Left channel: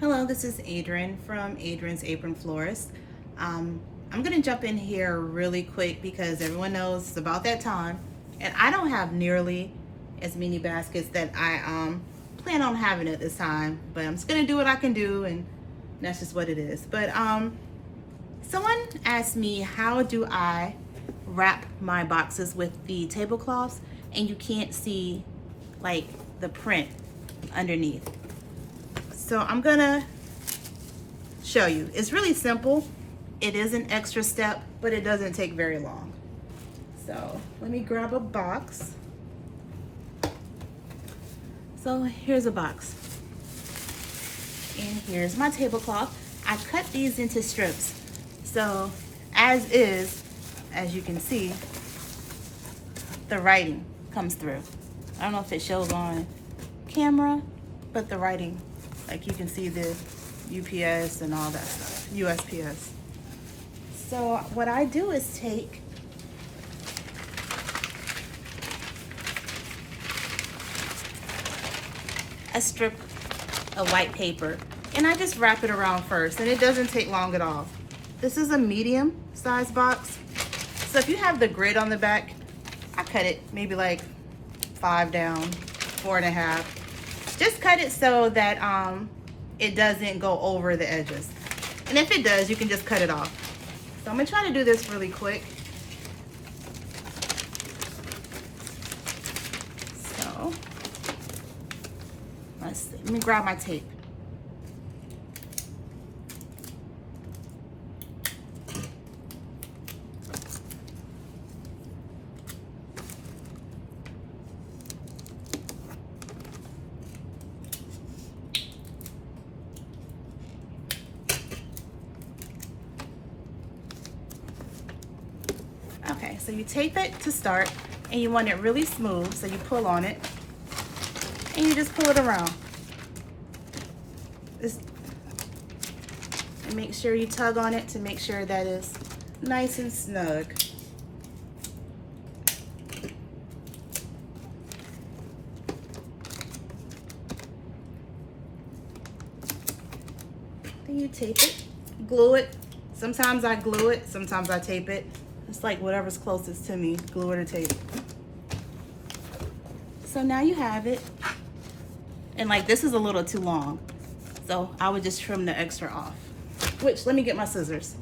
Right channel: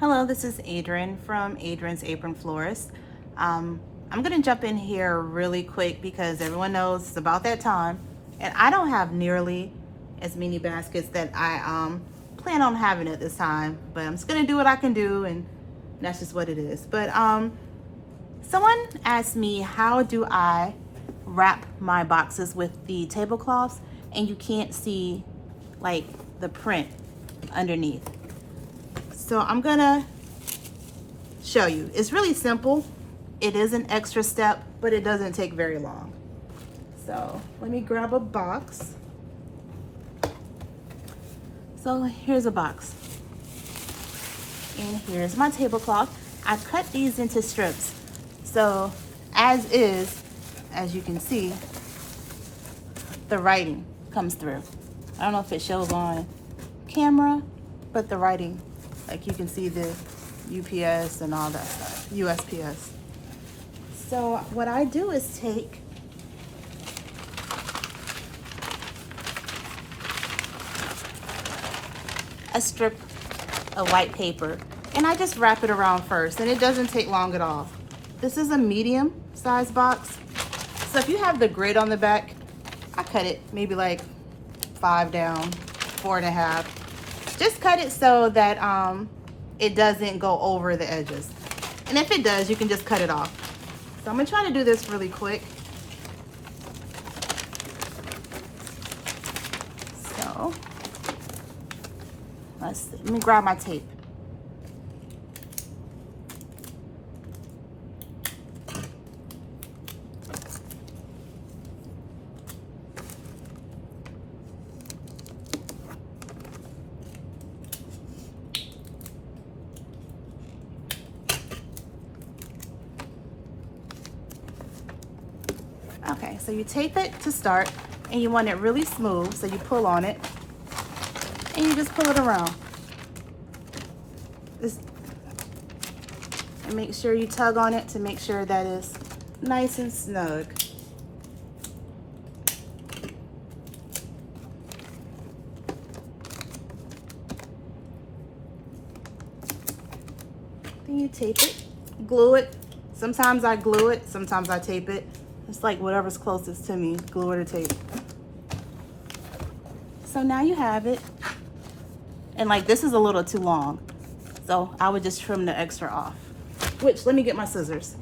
Hello, this is Adrian from Adrian's Apron Florist. I'm gonna jump in here really quick because everyone knows it's about that time, and I don't have nearly as many baskets that I plan on having at this time, but I'm just gonna do what I can do, and that's just what it is. But someone asked me, how do I wrap my boxes with the tablecloths and you can't see like the print underneath? So I'm gonna show you. It's really simple. It is an extra step, but it doesn't take very long. So let me grab a box. So here's a box. And here's my tablecloth. I cut these into strips. So as is, as you can see, the writing comes through. I don't know if it shows on camera, but the writing, like you can see the UPS and all that stuff, USPS. So what I do is take a strip of white paper and I just wrap it around first, and it doesn't take long at all. This is a medium size box. So if you have the grid on the back, I cut it maybe like 5 down, 4.5. Just cut it so that it doesn't go over the edges. And if it does, you can just cut it off. So I'm gonna try to do this really quick. So let's see. Let me grab my tape. Okay, so you tape it to start, and you want it really smooth, so you pull on it, and you just pull it around. Just make sure you tug on it to make sure that it's nice and snug. Then you tape it, glue it. Sometimes I glue it, sometimes I tape it. It's like whatever's closest to me, glue it or tape. So now you have it. And like this is a little too long, so I would just trim the extra off. Which, let me get my scissors.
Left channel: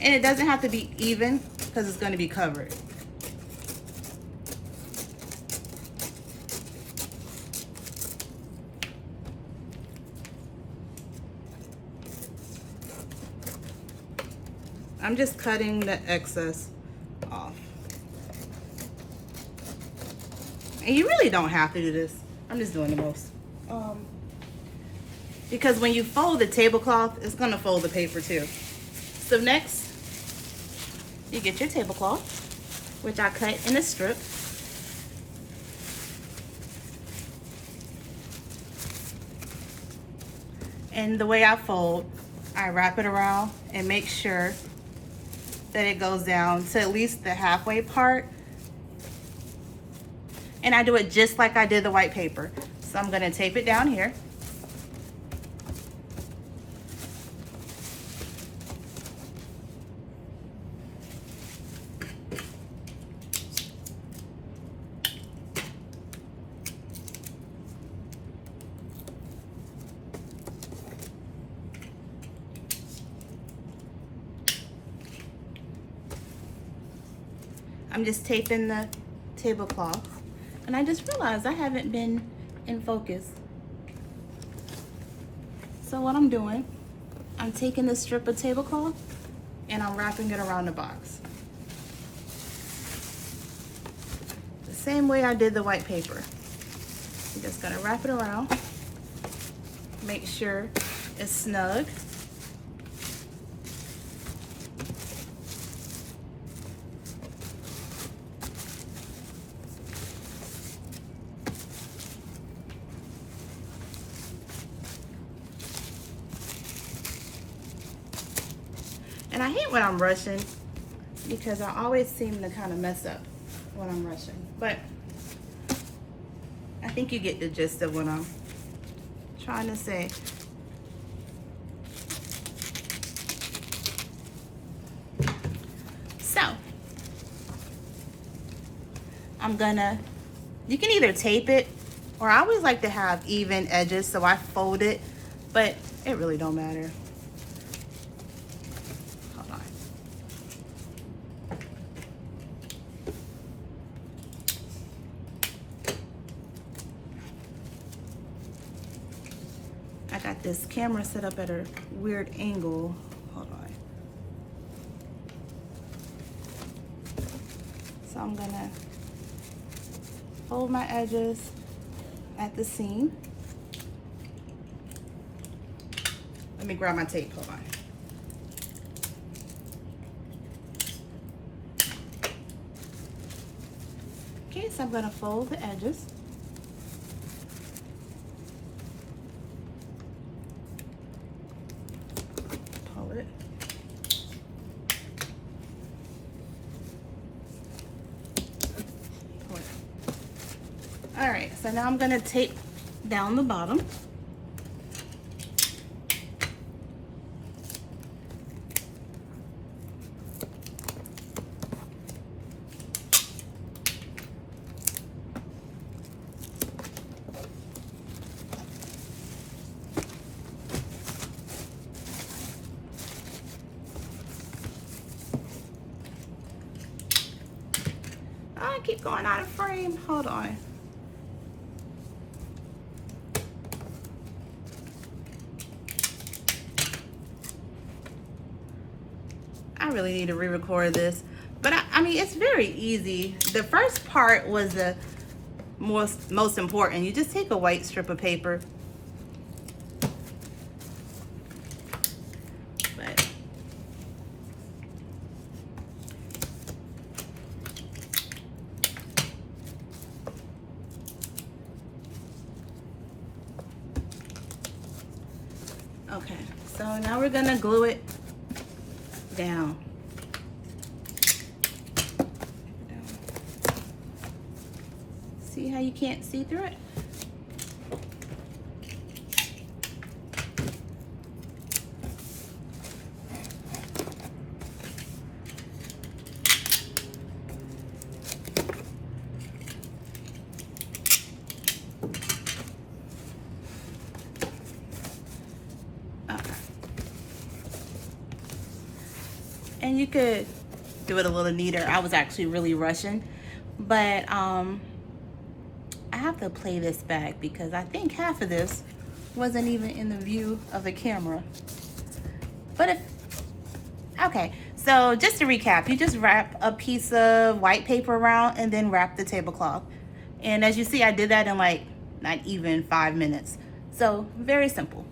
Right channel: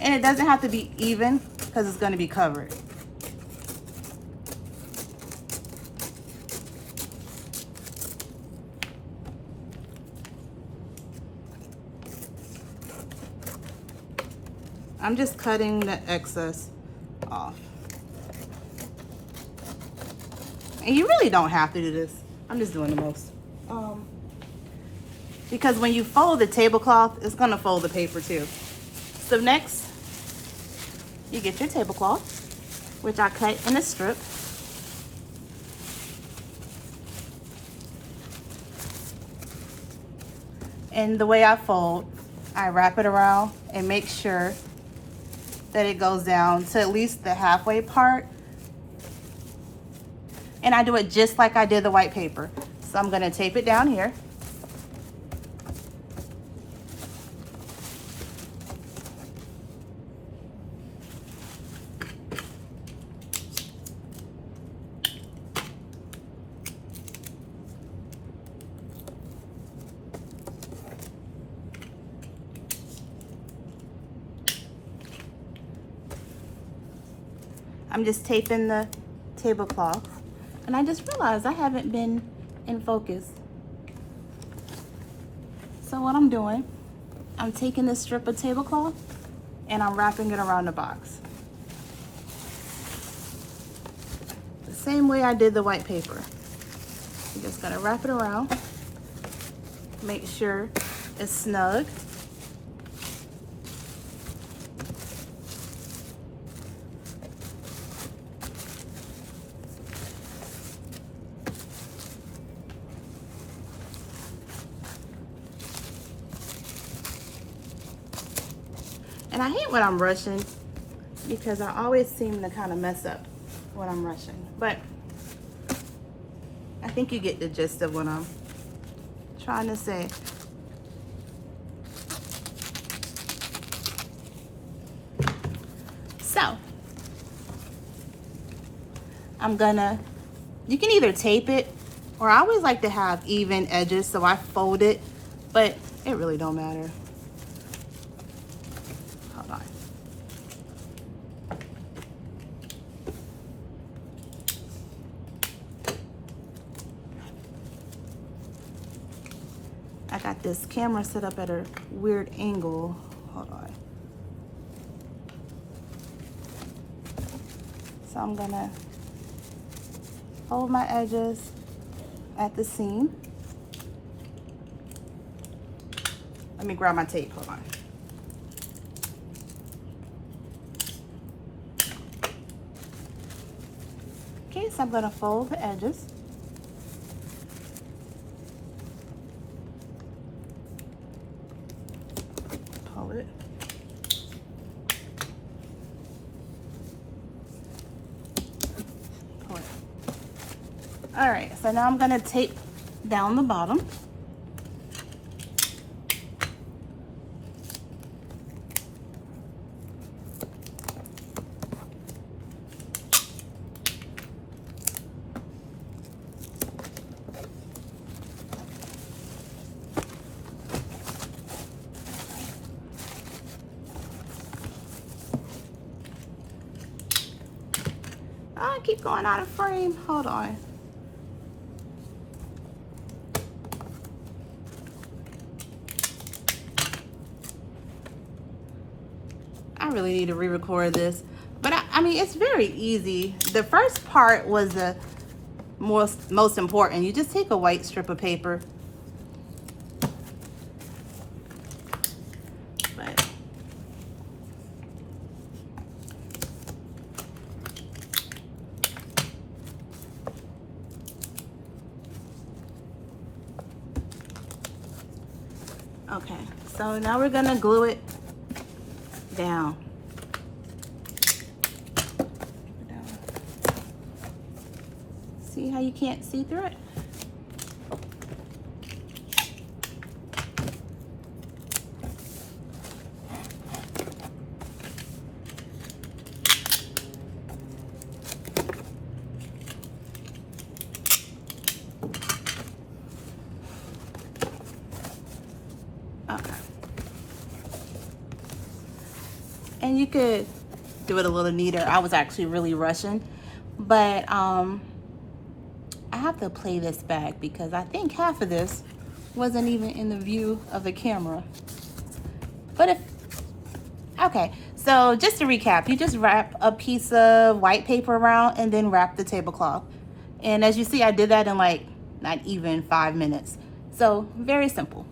And it doesn't have to be even because it's going to be covered. I'm just cutting the excess off. And you really don't have to do this. I'm just doing the most. Because when you fold the tablecloth, it's gonna fold the paper too. So next, you get your tablecloth, which I cut in a strip. And the way I fold, I wrap it around and make sure that it goes down to at least the halfway part. And I do it just like I did the white paper. So I'm gonna tape it down here. I'm just taping the tablecloth, and I just realized I haven't been in focus. So what I'm doing, I'm taking this strip of tablecloth and I'm wrapping it around the box. The same way I did the white paper. You just gotta wrap it around, make sure it's snug. And I hate when I'm rushing because I always seem to kind of mess up when I'm rushing. But think you get the gist of what I'm trying to say. So I'm gonna, you can either tape it, or I always like to have even edges, so I fold it, but it really don't matter. Hold on. I got this camera set up at a weird angle. Hold on. So I'm gonna fold my edges at the seam. Let me grab my tape, hold on. Okay, so I'm gonna fold the edges. Pull it. Pull it. All right, so now I'm gonna tape down the bottom. I keep going out of frame, hold on. I really need to re-record this, but I mean, it's very easy. The first part was the most important. You just take a white strip of paper. But okay, so now we're gonna glue it down. See how you can't see through it? And you could do it a little neater. I was actually really rushing, but I have to play this back because I think half of this wasn't even in the view of the camera. But okay, so just to recap, you just wrap a piece of white paper around and then wrap the tablecloth. And as you see, I did that in like not even 5 minutes. So very simple.